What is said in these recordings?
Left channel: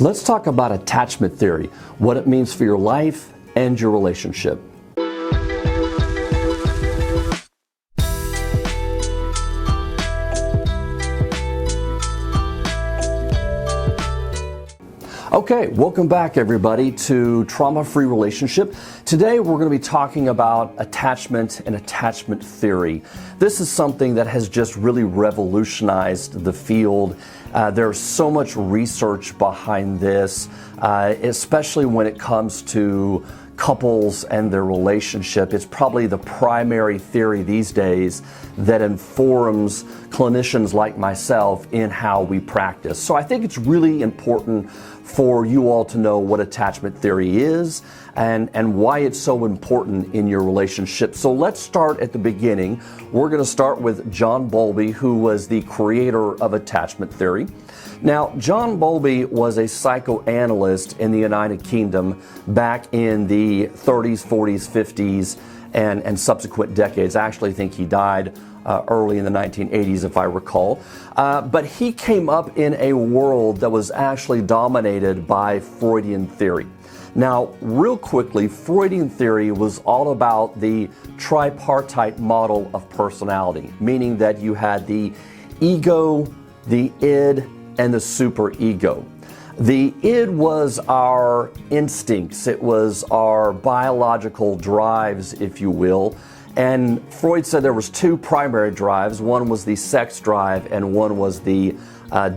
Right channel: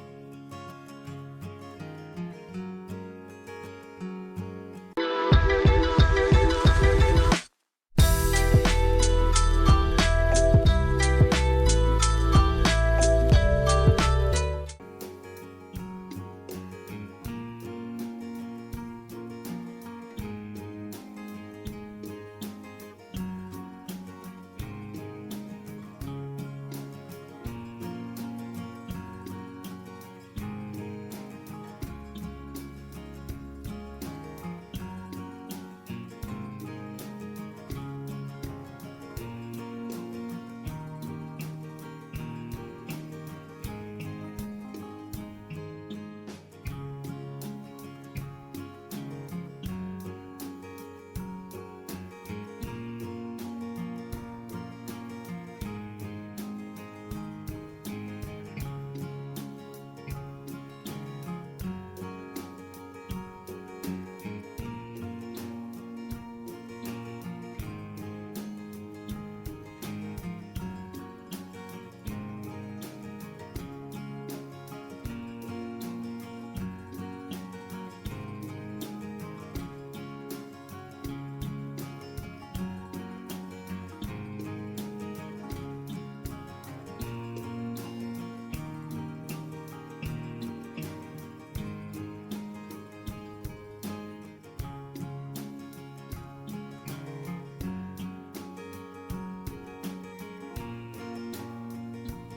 Let's talk about attachment theory, what it means for your life and your relationship. Okay, welcome back everybody to Trauma-Free Relationship. Today we're going to be talking about attachment and attachment theory. This is something that has just really revolutionized the field. There's so much research behind this, especially when it comes to couples and their relationship. It's probably the primary theory these days that informs clinicians like myself in how we practice. So I think it's really important for you all to know what attachment theory is and why it's so important in your relationship. So let's start at the beginning. We're going to start with John Bowlby, who was the creator of attachment theory. Now, John Bowlby was a psychoanalyst in the United Kingdom back in the 30s, 40s, 50s, and subsequent decades. I actually think he died early in the 1980s, if I recall. But he came up in a world that was actually dominated by Freudian theory. Now, real quickly, Freudian theory was all about the tripartite model of personality, meaning that you had the ego, the id, and the superego. The id was our instincts, it was our biological drives, if you will. And Freud said there was two primary drives. One was the sex drive and one was the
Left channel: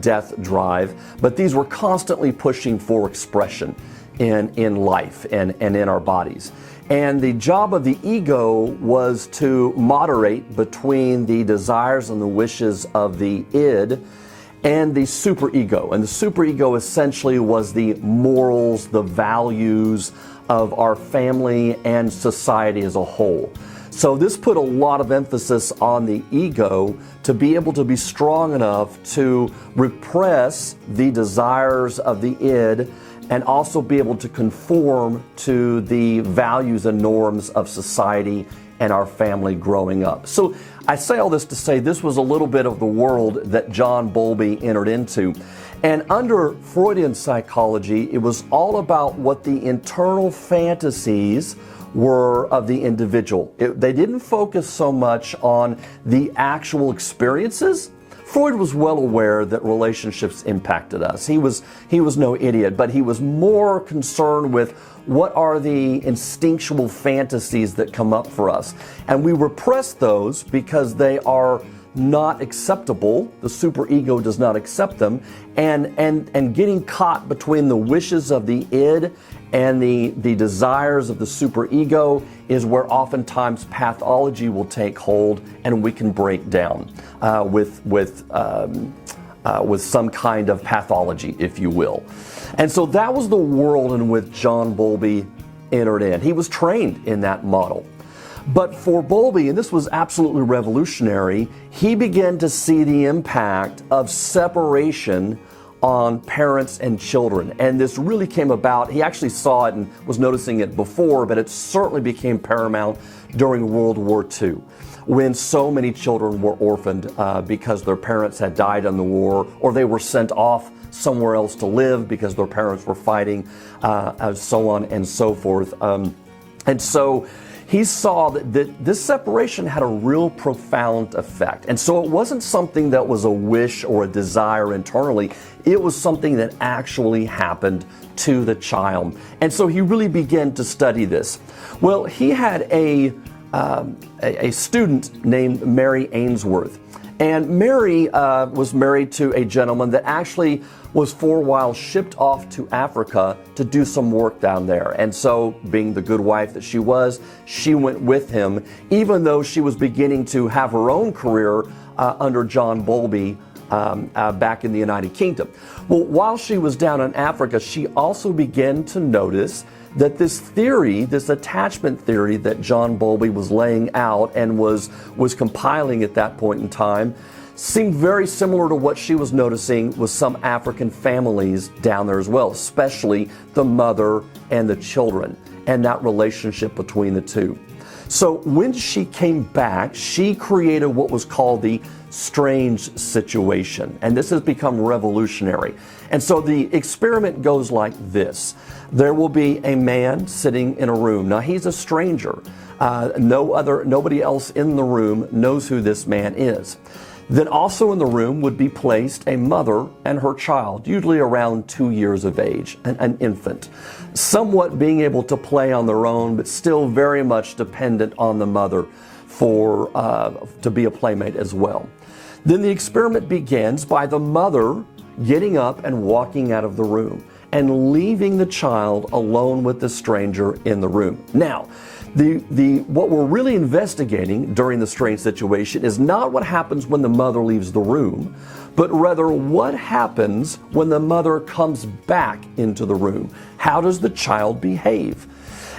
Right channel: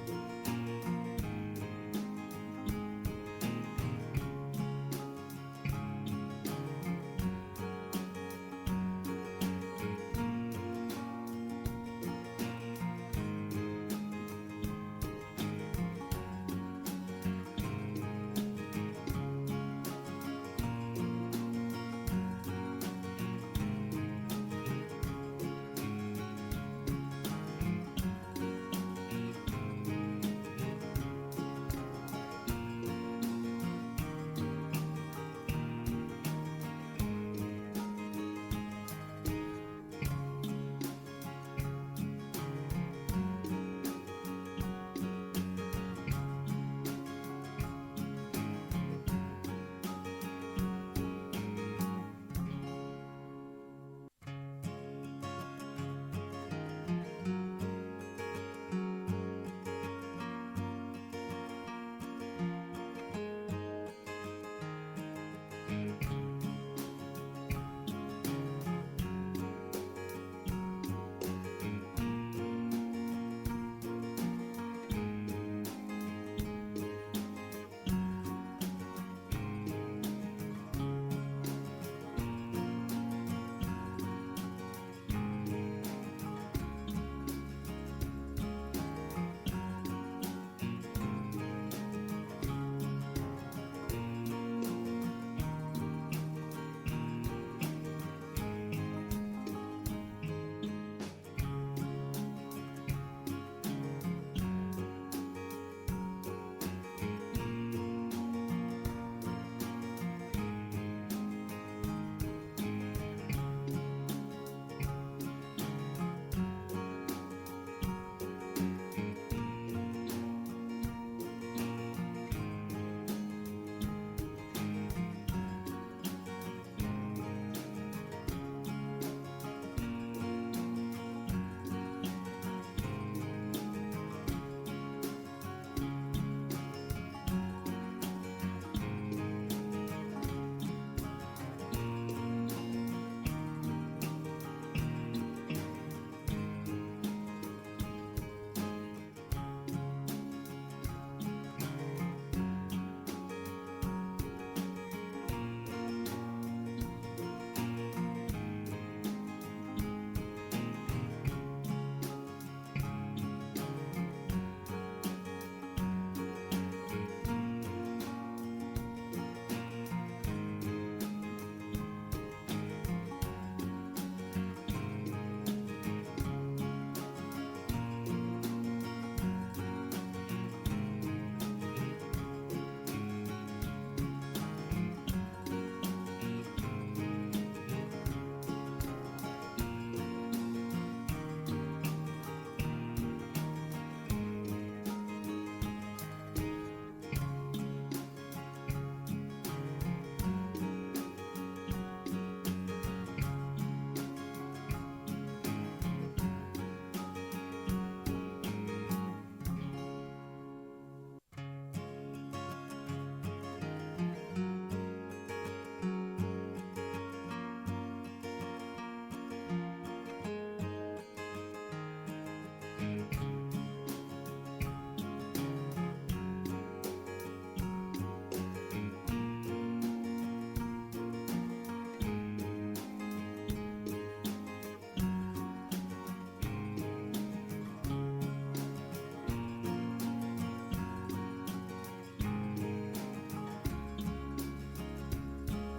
death drive. But these were constantly pushing for expression in life and in our bodies. And the job of the ego was to moderate between the desires and the wishes of the id and the superego. And the superego essentially was the morals, the values of our family and society as a whole. So this put a lot of emphasis on the ego to be able to be strong enough to repress the desires of the id and also be able to conform to the values and norms of society and our family growing up. So I say all this to say this was a little bit of the world that John Bowlby entered into. And under Freudian psychology, it was all about what the internal fantasies were of the individual. They didn't focus so much on the actual experiences. Freud was well aware that relationships impacted us. He was no idiot, but he was more concerned with what are the instinctual fantasies that come up for us. And we repress those because they are not acceptable. The superego does not accept them. And getting caught between the wishes of the id and the desires of the superego is where oftentimes pathology will take hold and we can break down with some kind of pathology, if you will. And so that was the world in which John Bowlby entered in. He was trained in that model. But for Bowlby, and this was absolutely revolutionary, he began to see the impact of separation on parents and children. And this really came about, he actually saw it and was noticing it before, but it certainly became paramount during World War II, when so many children were orphaned because their parents had died in the war, or they were sent off somewhere else to live because their parents were fighting, so on and so forth. And so he saw that this separation had a real profound effect. And so it wasn't something that was a wish or a desire internally. It was something that actually happened to the child. And so he really began to study this. Well, he had a student named Mary Ainsworth. And Mary was married to a gentleman that actually was for a while shipped off to Africa to do some work down there. And so, being the good wife that she was, she went with him, even though she was beginning to have her own career under John Bowlby back in the United Kingdom. Well, while she was down in Africa, she also began to notice that this theory, this attachment theory that John Bowlby was laying out and was compiling at that point in time, seemed very similar to what she was noticing with some African families down there as well, especially the mother and the children and that relationship between the two. So when she came back, she created what was called the strange situation. And this has become revolutionary. And so the experiment goes like this. There will be a man sitting in a room. Now he's a stranger. Nobody else in the room knows who this man is. Then also in the room would be placed a mother and her child, usually around 2 years of age, an infant, somewhat being able to play on their own, but still very much dependent on the mother to be a playmate as well. Then the experiment begins by the mother getting up and walking out of the room and leaving the child alone with the stranger in the room. Now, what we're really investigating during the strange situation is not what happens when the mother leaves the room, but rather what happens when the mother comes back into the room. How does the child behave?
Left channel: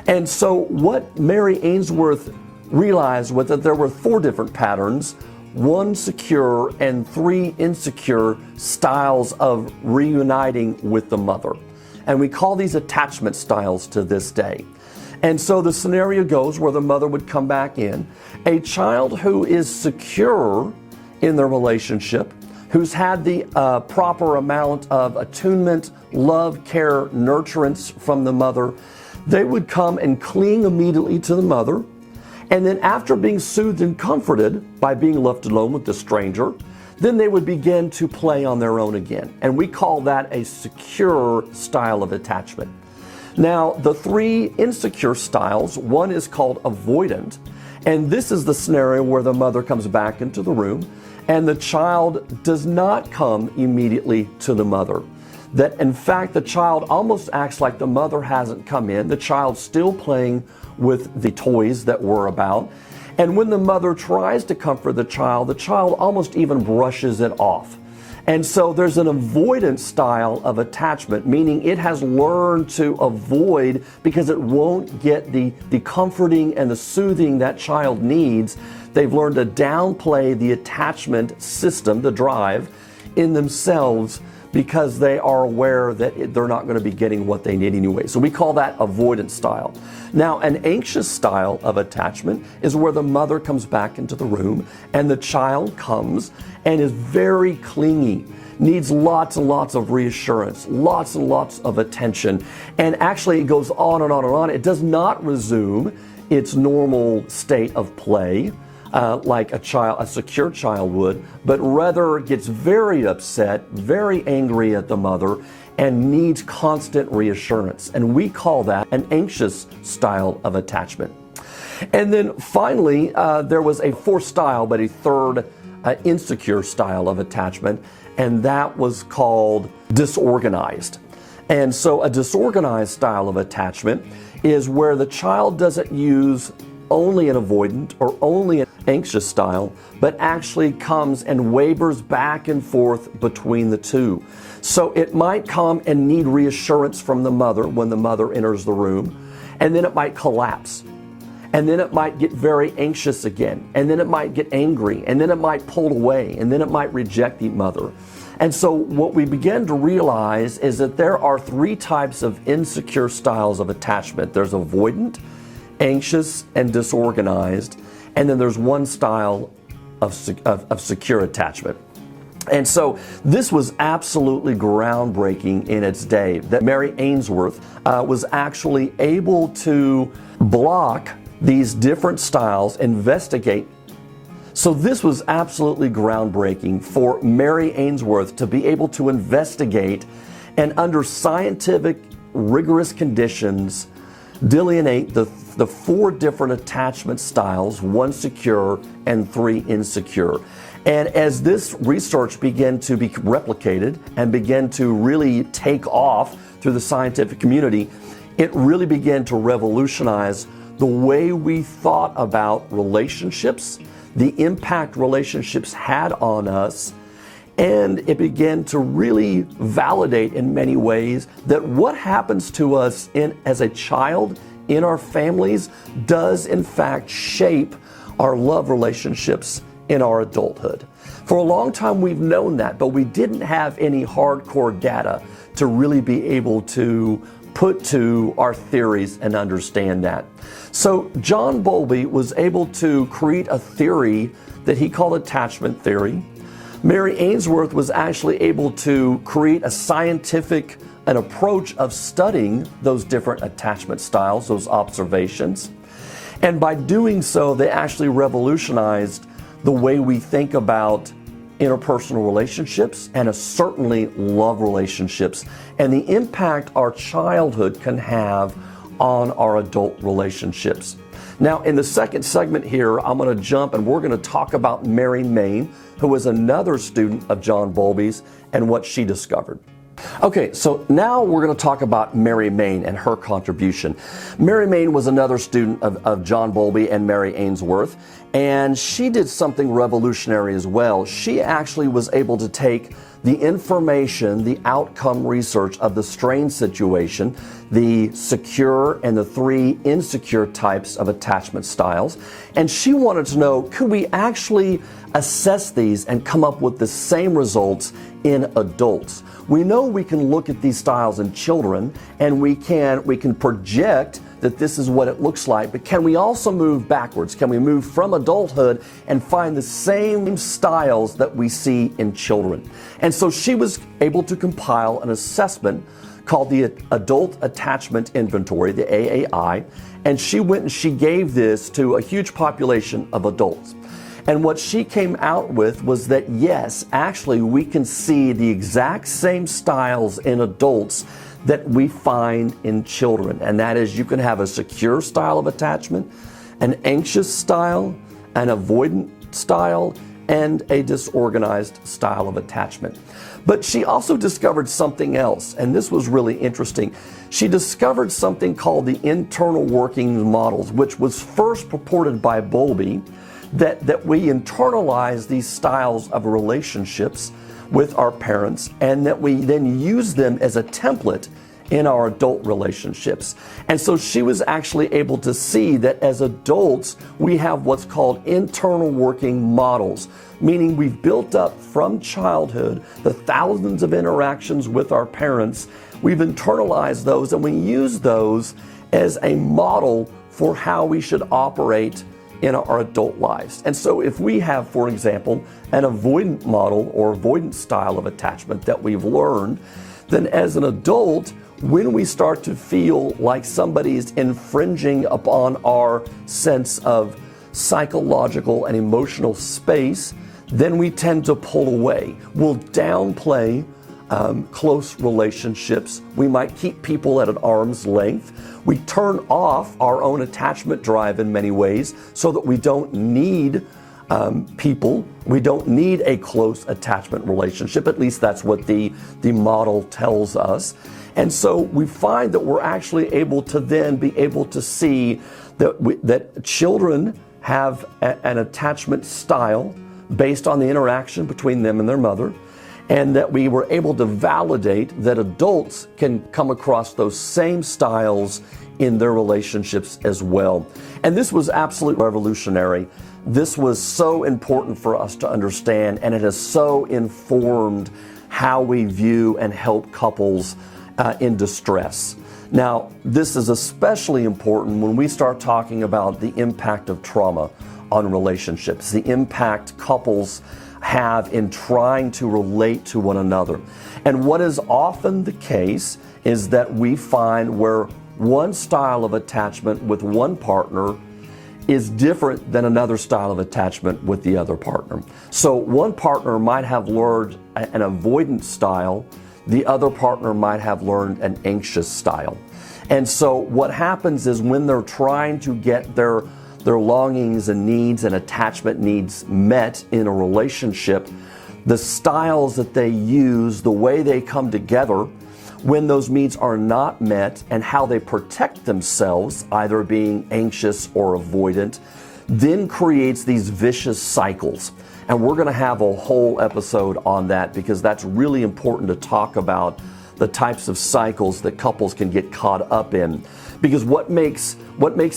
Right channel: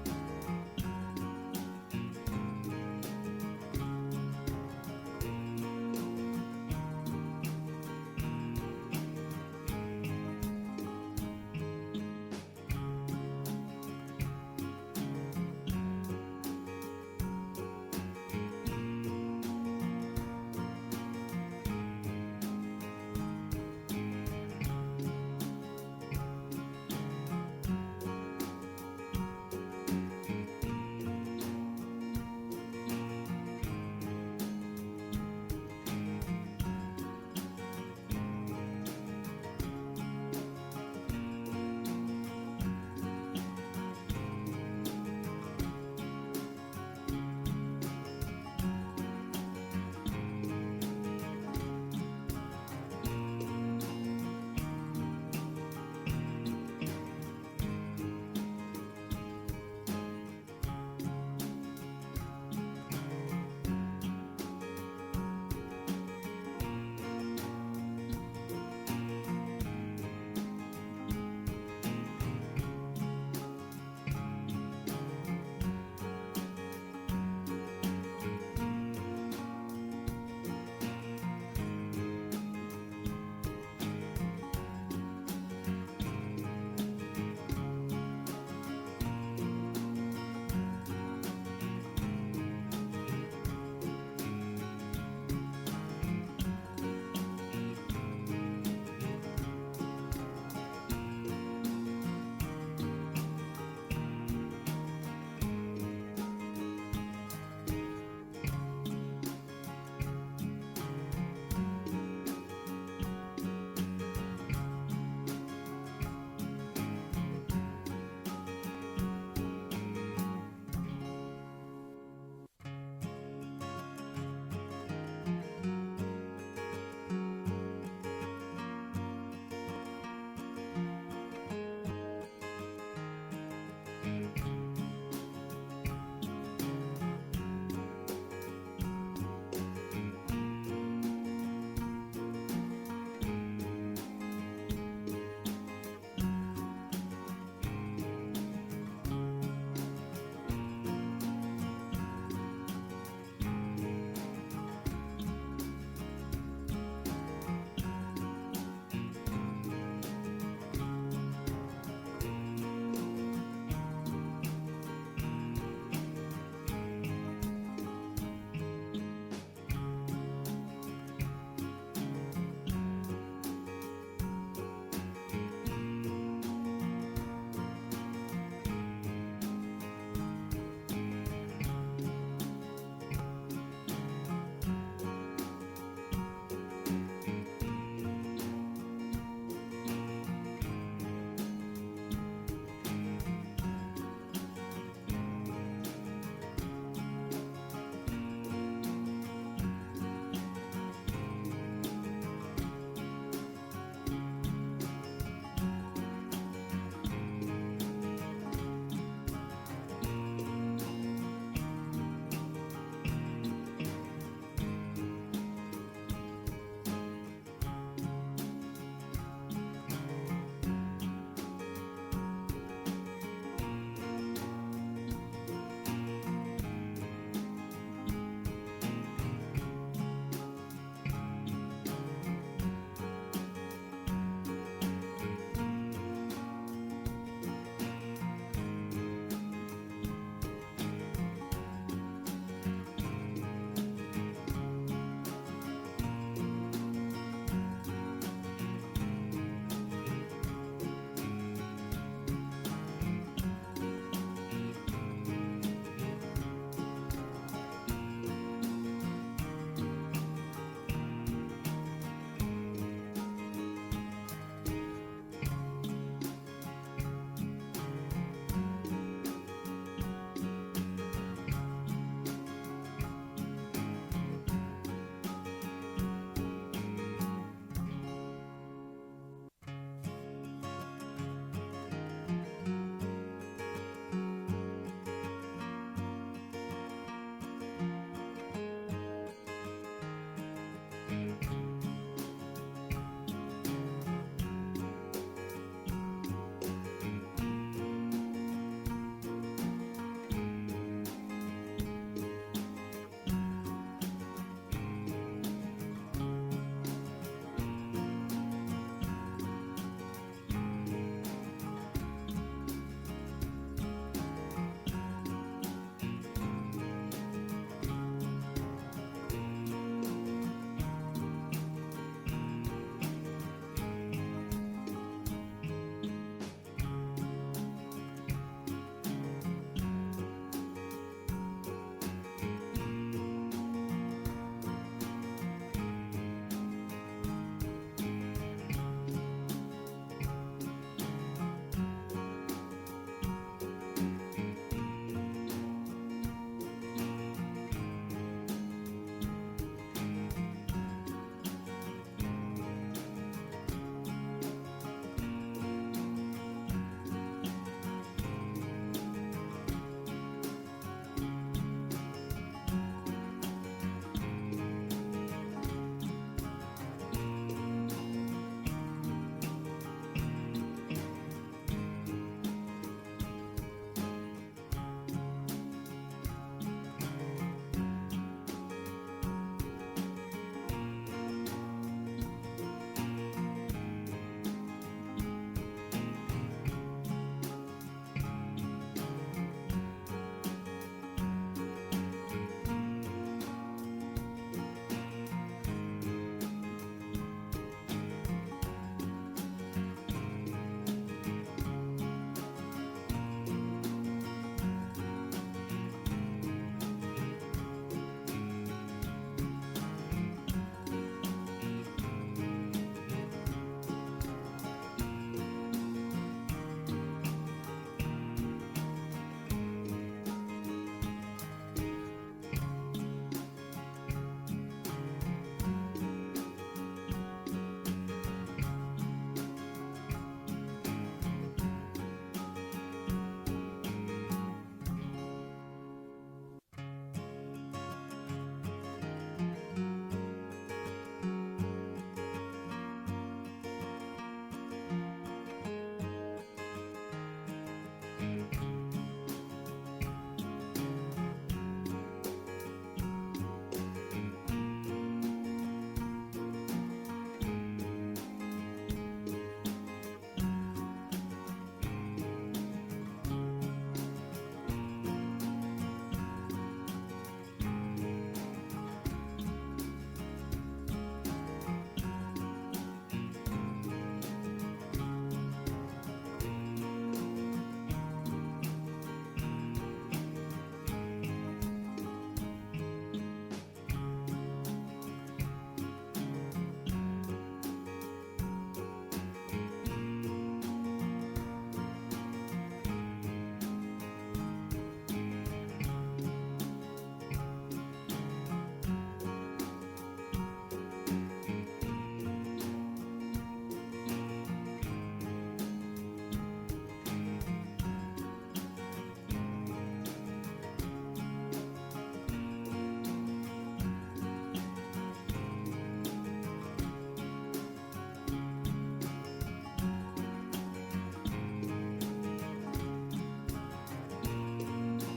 And so what Mary Ainsworth realized was that there were 4 different patterns, 1 secure and 3 insecure styles of reuniting with the mother. And we call these attachment styles to this day. And so the scenario goes where the mother would come back in. A child who is secure in their relationship, who's had the proper amount of attunement, love, care, nurturance from the mother, they would come and cling immediately to the mother. And then after being soothed and comforted by being left alone with the stranger, then they would begin to play on their own again. And we call that a secure style of attachment. Now, the 3 insecure styles, one is called avoidant, and this is the scenario where the mother comes back into the room and the child does not come immediately to the mother. That in fact, the child almost acts like the mother hasn't come in. The child's still playing with the toys that were about. And when the mother tries to comfort the child almost even brushes it off. And so there's an avoidant style of attachment, meaning it has learned to avoid because it won't get the comforting and the soothing that child needs. They've learned to downplay the attachment system, the drive, in themselves because they are aware that they're not going to be getting what they need anyway. So we call that avoidant style. Now, an anxious style of attachment is where the mother comes back into the room and the child comes and is very clingy, needs lots and lots of reassurance, lots and lots of attention. And actually it goes on and on and on. It does not resume its normal state of play like a secure child would, but rather gets very upset, very angry at the mother, and needs constant reassurance. And we call that an anxious style of attachment. And then finally, there was a 4th style, but a 3rd insecure style of attachment, and that was called disorganized. And so a disorganized style of attachment is where the child doesn't use only an avoidant or only an anxious style, but actually comes and wavers back and forth between the 2. So it might come and need reassurance from the mother when the mother enters the room, and then it might collapse. And then it might get very anxious again, and then it might get angry, and then it might pull away, and then it might reject the mother. And so what we begin to realize is that there are 3 types of insecure styles of attachment. There's avoidant, anxious, and disorganized, and then there's 1 style of secure attachment. And so this was absolutely groundbreaking in its day, that Mary Ainsworth was actually able to block these different styles, investigate. So this was absolutely groundbreaking for Mary Ainsworth to be able to investigate and under scientific, rigorous conditions, delineate the 4 different attachment styles, 1 secure and 3 insecure. And as this research began to be replicated and began to really take off through the scientific community, it really began to revolutionize the way we thought about relationships, the impact relationships had on us, and it began to really validate in many ways that what happens to us as a child in our families does in fact shape our love relationships in our adulthood. For a long time we've known that, but we didn't have any hardcore data to really be able to put to our theories and understand that. So John Bowlby was able to create a theory that he called attachment theory, Mary Ainsworth was actually able to create a scientific an approach of studying those different attachment styles, those observations. And by doing so, they actually revolutionized the way we think about interpersonal relationships and certainly love relationships and the impact our childhood can have on our adult relationships. Now, in the second segment here, I'm going to jump and we're going to talk about Mary Main, who was another student of John Bowlby's, and what she discovered. Okay, so now we're going to talk about Mary Main and her contribution. Mary Main was another student of John Bowlby and Mary Ainsworth, and she did something revolutionary as well. She actually was able to take the information, the outcome research of the strain situation, the secure and the 3 insecure types of attachment styles, and she wanted to know, could we actually assess these and come up with the same results in adults? We know we can look at these styles in children and we can project that this is what it looks like, but can we also move backwards? Can we move from adulthood and find the same styles that we see in children? And so she was able to compile an assessment called the Adult Attachment Inventory, the AAI, and she went and she gave this to a huge population of adults. And what she came out with was that yes, actually we can see the exact same styles in adults that we find in children. And that is, you can have a secure style of attachment, an anxious style, an avoidant style, and a disorganized style of attachment. But she also discovered something else, and this was really interesting. She discovered something called the internal working models, which was first purported by Bowlby, that we internalize these styles of relationships with our parents and that we then use them as a template in our adult relationships. And so she was actually able to see that as adults, we have what's called internal working models, meaning we've built up from childhood the thousands of interactions with our parents. We've internalized those and we use those as a model for how we should operate in our adult lives. And so if we have, for example, an avoidant model or avoidant style of attachment that we've learned, then as an adult, when we start to feel like somebody's infringing upon our sense of psychological and emotional space, then we tend to pull away. We'll downplay close relationships. We might keep people at an arm's length. We turn off our own attachment drive in many ways so that we don't need people. We don't need a close attachment relationship. At least that's what the model tells us. And so we find that we're actually able to then be able to see that children have an attachment style based on the interaction between them and their mother, and that we were able to validate that adults can come across those same styles in their relationships as well. And this was absolutely revolutionary. This was so important for us to understand, and it has so informed how we view and help couples in distress. Now, this is especially important when we start talking about the impact of trauma on relationships, the impact couples have in trying to relate to one another. And what is often the case is that we find where one style of attachment with one partner is different than another style of attachment with the other partner. So one partner might have learned an avoidant style, the other partner might have learned an anxious style. And so what happens is when they're trying to get their longings and needs and attachment needs met in a relationship, the styles that they use, the way they come together when those needs are not met, and how they protect themselves, either being anxious or avoidant, then creates these vicious cycles. And we're going to have a whole episode on that because that's really important to talk about the types of cycles that couples can get caught up in. Because what makes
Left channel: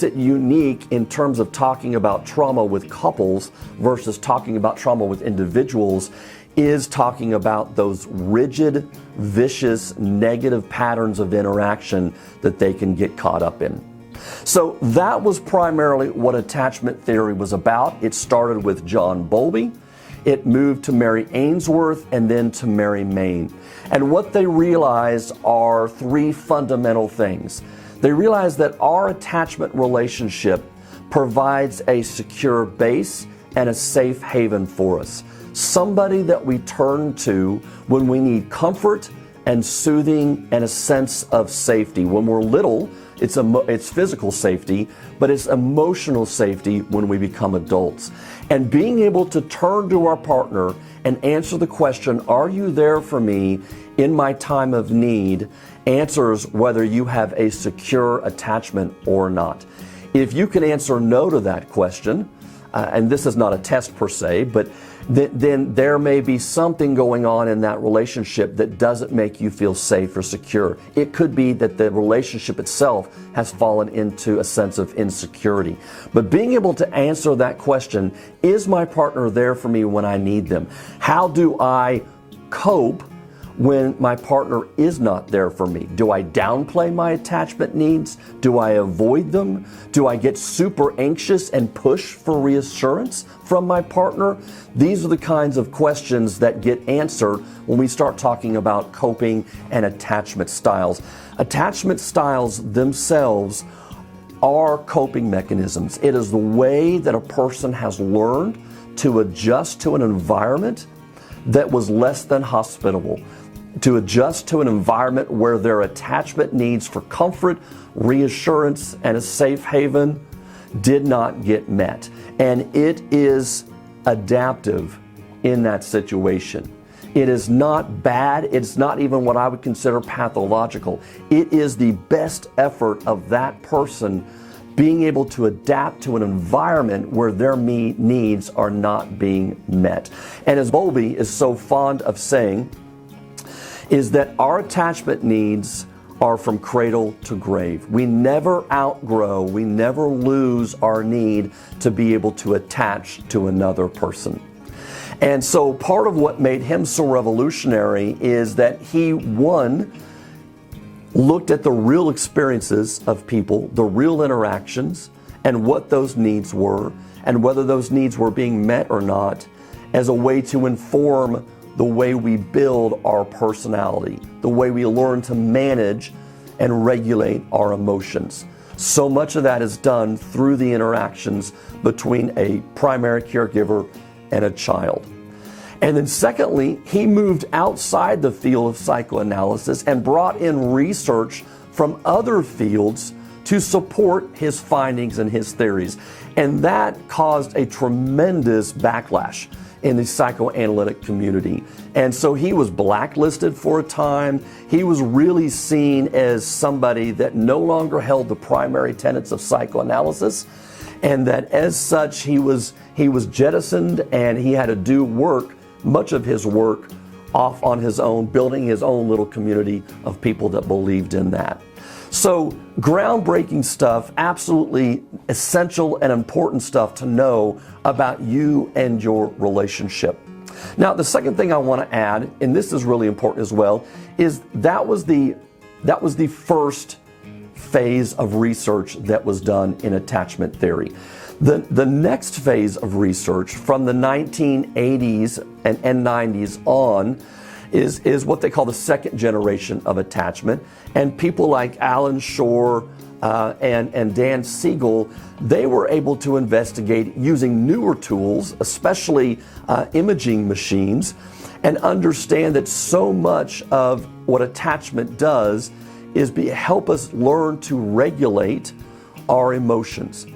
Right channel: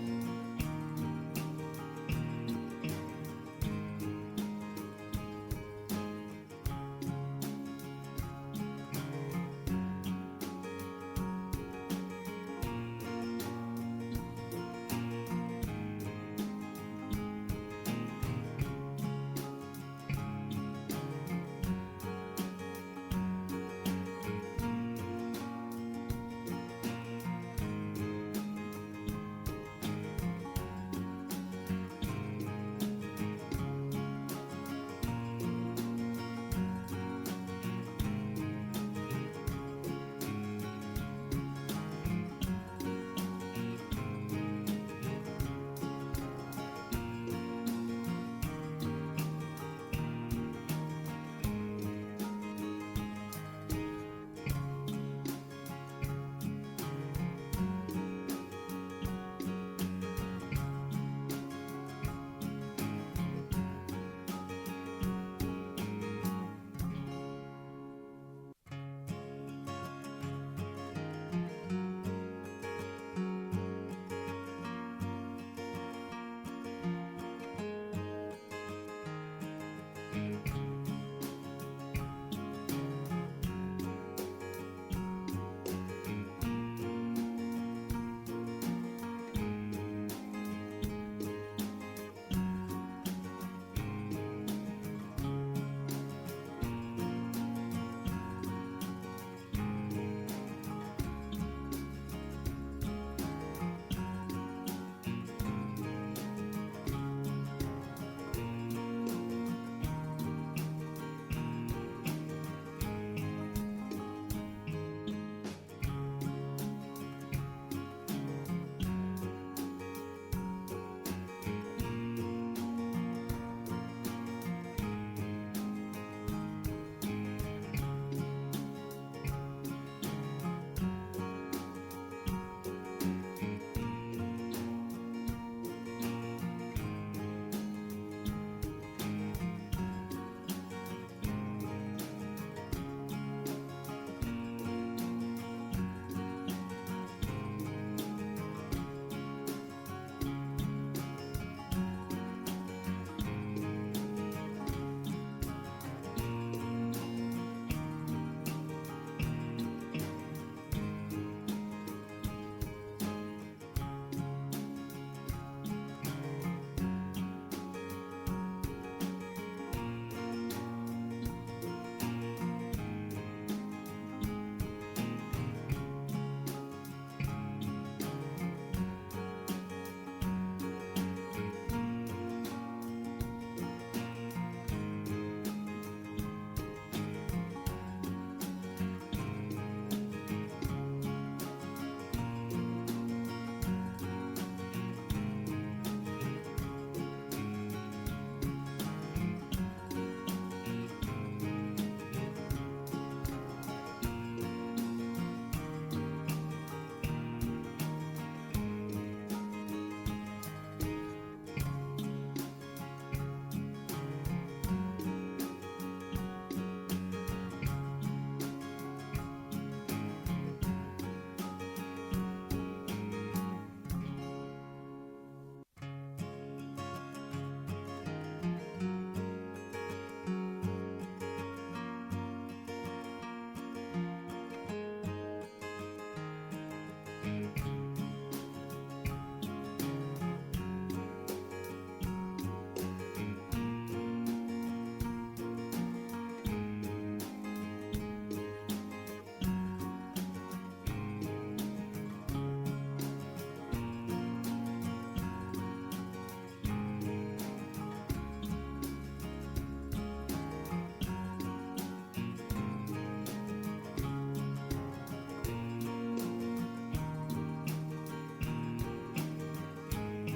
it unique in terms of talking about trauma with couples versus talking about trauma with individuals is talking about those rigid, vicious, negative patterns of interaction that they can get caught up in. So that was primarily what attachment theory was about. It started with John Bowlby. it moved to Mary Ainsworth and then to Mary Main. And what they realized are three fundamental things. They realized that our attachment relationship provides a secure base and a safe haven for us. Somebody that we turn to when we need comfort and soothing and a sense of safety. When we're little, it's physical safety, but it's emotional safety when we become adults. And being able to turn to our partner and answer the question, are you there for me in my time of need, answers whether you have a secure attachment or not. If you can answer no to that question, and this is not a test per se, but then there may be something going on in that relationship that doesn't make you feel safe or secure. It could be that the relationship itself has fallen into a sense of insecurity. But being able to answer that question, is my partner there for me when I need them? How do I cope when my partner is not there for me? Do I downplay my attachment needs? Do I avoid them? Do I get super anxious and push for reassurance from my partner? These are the kinds of questions that get answered when we start talking about coping and attachment styles. Attachment styles themselves are coping mechanisms. It is the way that a person has learned to adjust to an environment that was less than hospitable, to adjust to an environment where their attachment needs for comfort, reassurance, and a safe haven did not get met. And it is adaptive in that situation. It is not bad. It's not even what I would consider pathological. It is the best effort of that person being able to adapt to an environment where their needs are not being met. And as Bowlby is so fond of saying, is that our attachment needs are from cradle to grave. We never outgrow, we never lose our need to be able to attach to another person. And so part of what made him so revolutionary is that he, one, looked at the real experiences of people, the real interactions, and what those needs were, and whether those needs were being met or not, as a way to inform the way we build our personality, the way we learn to manage and regulate our emotions. So much of that is done through the interactions between a primary caregiver and a child. And then secondly, he moved outside the field of psychoanalysis and brought in research from other fields to support his findings and his theories. And that caused a tremendous backlash in the psychoanalytic community. And so he was blacklisted for a time. He was really seen as somebody that no longer held the primary tenets of psychoanalysis, and that as such he was jettisoned, and he had to do much of his work off on his own, building his own little community of people that believed in that. So groundbreaking stuff, absolutely essential and important stuff to know about you and your relationship. Now, the second thing I want to add, and this is really important as well, is that was the first phase of research that was done in attachment theory. The next phase of research from the 1980s and 90s on is what they call the second generation of attachment. And people like Alan Shore and Dan Siegel, they were able to investigate using newer tools, especially imaging machines, and understand that so much of what attachment does is help us learn to regulate our emotions.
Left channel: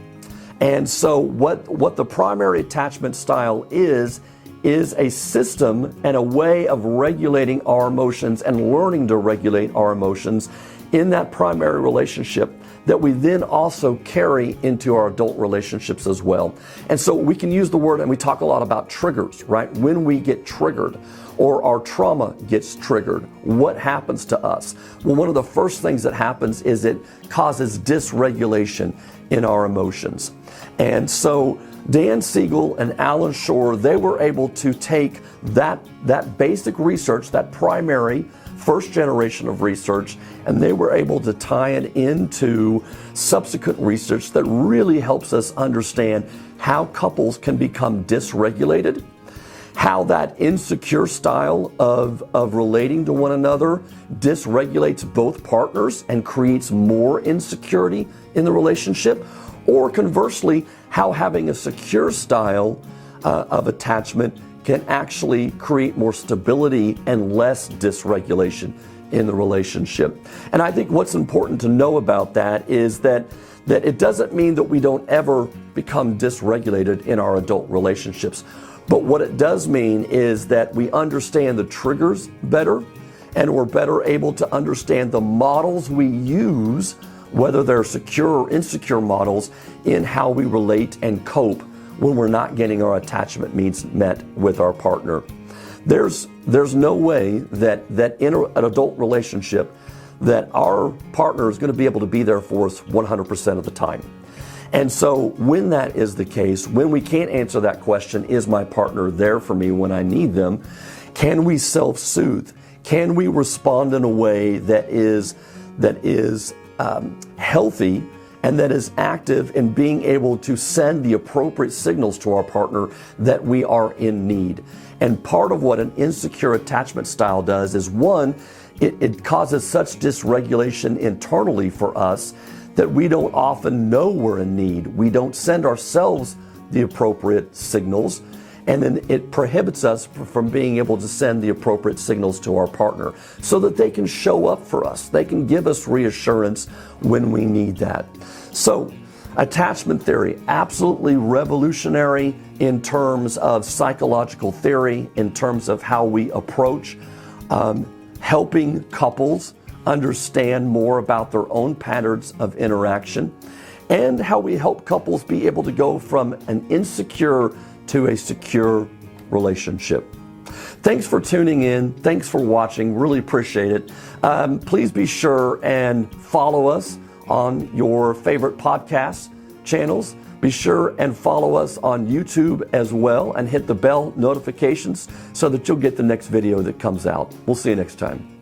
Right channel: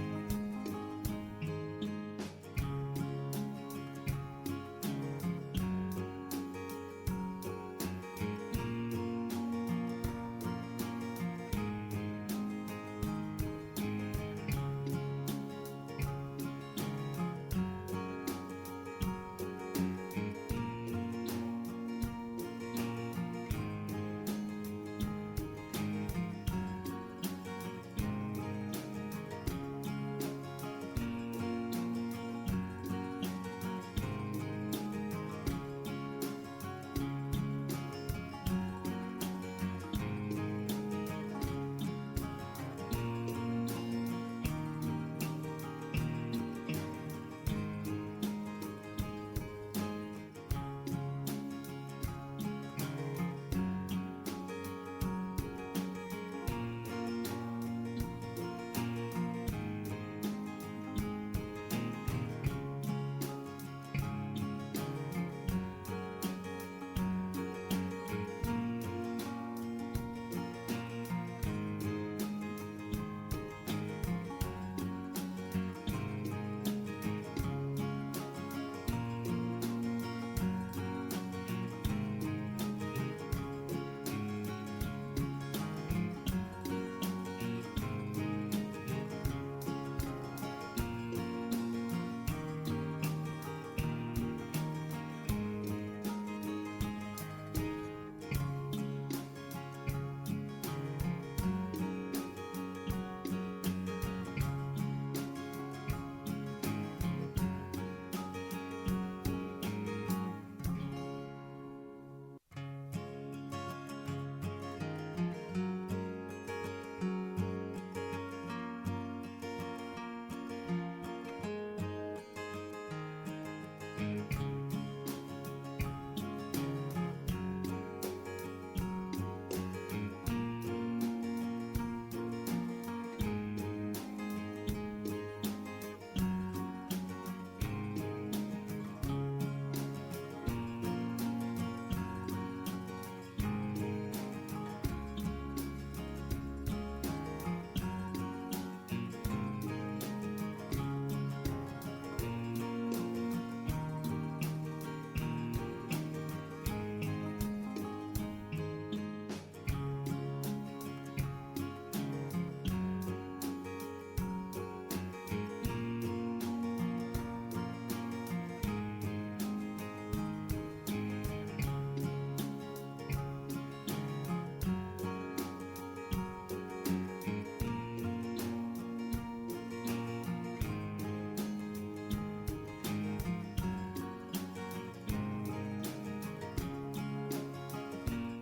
And so what the primary attachment style is a system and a way of regulating our emotions and learning to regulate our emotions in that primary relationship that we then also carry into our adult relationships as well. And so we can use the word, and we talk a lot about triggers, right? When we get triggered or our trauma gets triggered, what happens to us? Well, one of the first things that happens is it causes dysregulation in our emotions. And so Dan Siegel and Alan Shore, they were able to take that basic research, that primary first generation of research, and they were able to tie it into subsequent research that really helps us understand how couples can become dysregulated how that insecure style of relating to one another dysregulates both partners and creates more insecurity in the relationship, or conversely, how having a secure style of attachment can actually create more stability and less dysregulation in the relationship. And I think what's important to know about that is that it doesn't mean that we don't ever become dysregulated in our adult relationships. But what it does mean is that we understand the triggers better, and we're better able to understand the models we use, whether they're secure or insecure models, in how we relate and cope when we're not getting our attachment needs met with our partner. There's no way that in an adult relationship that our partner is going to be able to be there for us 100% of the time. And so when that is the case, when we can't answer that question, is my partner there for me when I need them, can we self-soothe? Can we respond in a way that is healthy and that is active in being able to send the appropriate signals to our partner that we are in need? And part of what an insecure attachment style does is, one, it causes such dysregulation internally for us that we don't often know we're in need. We don't send ourselves the appropriate signals, and then it prohibits us from being able to send the appropriate signals to our partner so that they can show up for us. They can give us reassurance when we need that. So, attachment theory, absolutely revolutionary in terms of psychological theory, in terms of how we approach helping couples understand more about their own patterns of interaction, and how we help couples be able to go from an insecure to a secure relationship. Thanks for tuning in. Thanks for watching. Really appreciate it. Please be sure and follow us on your favorite podcast channels. Be sure and follow us on YouTube as well, and hit the bell notifications so that you'll get the next video that comes out. We'll see you next time.